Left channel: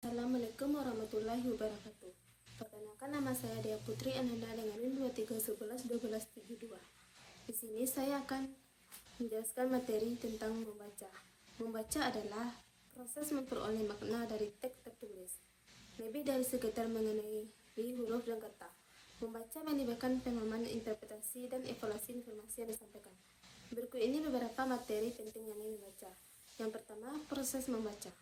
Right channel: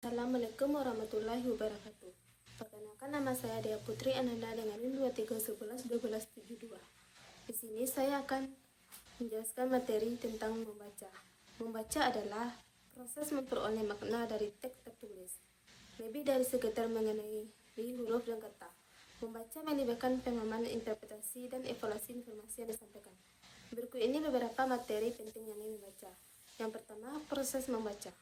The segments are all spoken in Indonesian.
Assalamualaikum warahmatullahi wabarakatuh. Perkenalkan, nama saya Dea Putri Ananda dengan NIM 23111272. Di sini saya akan menjelaskan materi tentang membaca. Membaca adalah proses memperoleh makna dari teks tertulis, lebih dari sekedar mengenai huruf dan kata. Membaca melibatkan pemahaman, interpretasi, dan evaluasi informasi yang disampaikan. Berikut ini beberapa materi penting yang membaca. Yang pertama, proses membaca.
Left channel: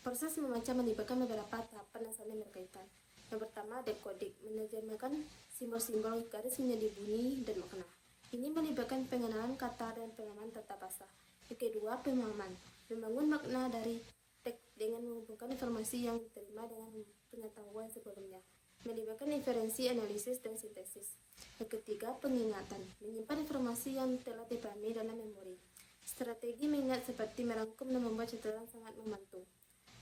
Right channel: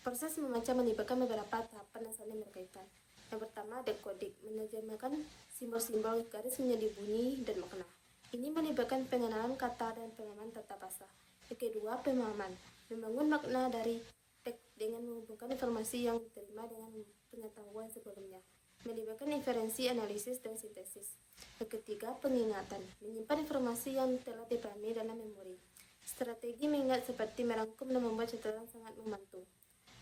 Proses membaca melibatkan beberapa tahapan yang saling berkaitan. Yang pertama, dekoding, menerjemahkan simbol-simbol, garis menjadi bunyi dan makna. Ini melibatkan pengenalan kata dan pengenalan tata bahasa. Yang kedua, pemahaman, membangun makna dari teks dengan menghubungkan informasi yang diterima dengan pengetahuan sebelumnya, melibatkan inferensi, analisis, dan sintesis. Yang ketiga, pengingatan, menyimpan informasi yang telah dipahami dalam memori. Strategi mengingat seperti merangkum dan membuat catatan sangat membantu.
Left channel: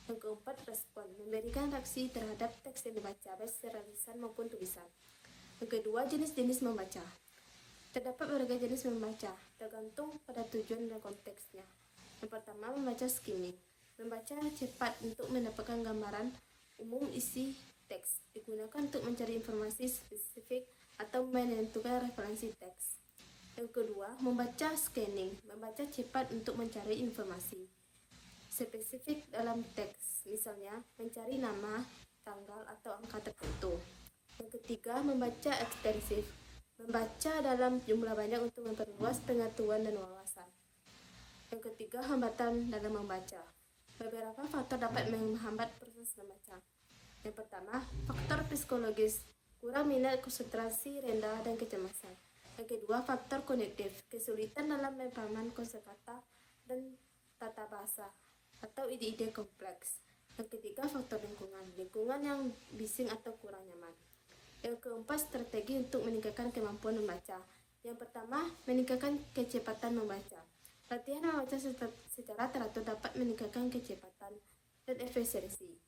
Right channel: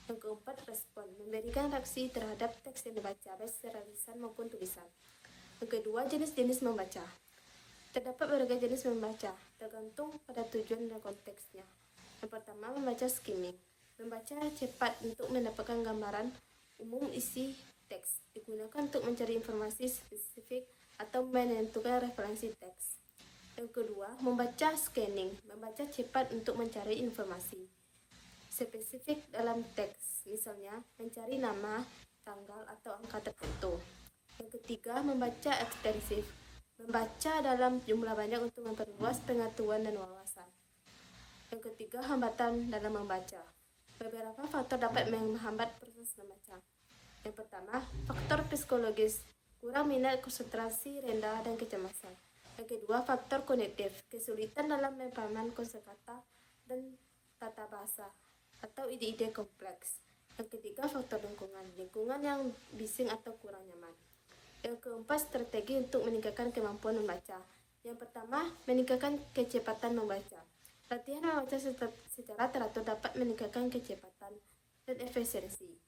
Yang keempat, respon, memberikan reaksi terhadap teks yang dibaca, baik secara lisan maupun tulisan. Yang kedua, jenis-jenis membaca. Terdapat berbagai jenis membaca, tergantung pada tujuan dan konteksnya. Yang pertama, membaca skimming, membaca cepat untuk mendapatkan gambaran umum isi teks, digunakan untuk mencari informasi spesifik atau menentukan referensi teks. Yang kedua, membaca scanning, membaca cepat untuk mencari informasi spesifik dalam teks, misalnya mencari nama, tanggal, atau angka tertentu. Yang ketiga, membaca ekstensif, membaca dalam jumlah banyak untuk memperluas pengetahuan dan wawasan. Yang ketiga, hambatan dalam membaca. Beberapa faktor dapat menghambat proses membaca. Yang pertama, faktor psikologis, kurang minat, konsentrasi rendah, dan kecemasan. Yang kedua, faktor kognitif, kesulitan dalam memahami kosakata dan tata bahasa atau ide-ide kompleks. Yang ketiga, faktor lingkungan yang bising atau kurang nyaman. Yang keempat, strategi untuk meningkatkan kemampuan membaca. Yang pertama, meningkatkan kecepatan membaca. Latihan membaca secara teratur dapat meningkatkan kecepatan dan efisiensi.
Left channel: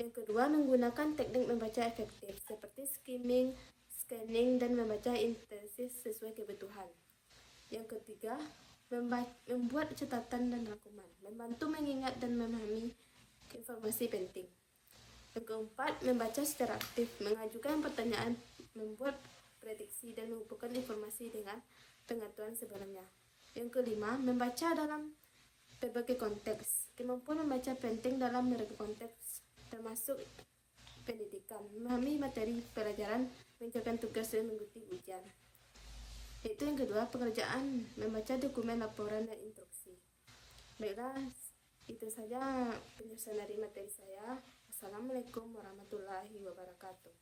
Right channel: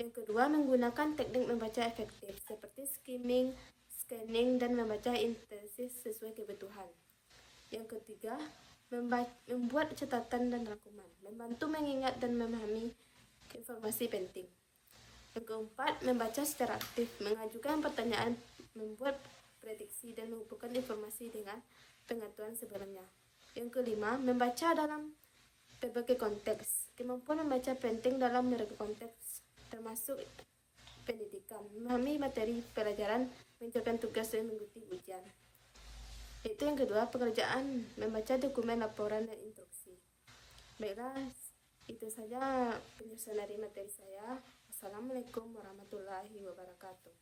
Yang kedua, menggunakan teknik membaca efektif seperti skimming, scanning, dan membaca intensif sesuai kebutuhan. Yang ketiga, membuat catatan dan rangkuman, membantu mengingat dan memahami informasi penting. Yang keempat, membaca secara aktif, mengajukan pertanyaan, membuat prediksi, dan menghubungkan informasi dengan pengetahuan sebelumnya. Yang kelima, membaca dalam berbagai konteks. Kemampuan membaca penting dalam berbagai konteks, termasuk pendidikan, memahami materi pelajaran, mengerjakan tugas, dan mengikuti ujian. Itu yang kedua, pekerjaan, membaca dokumen, laporan, dan instruksi. Baiklah, itu saja penjelasan dari materi saya. Assalamualaikum warahmatullahi wabarakatuh.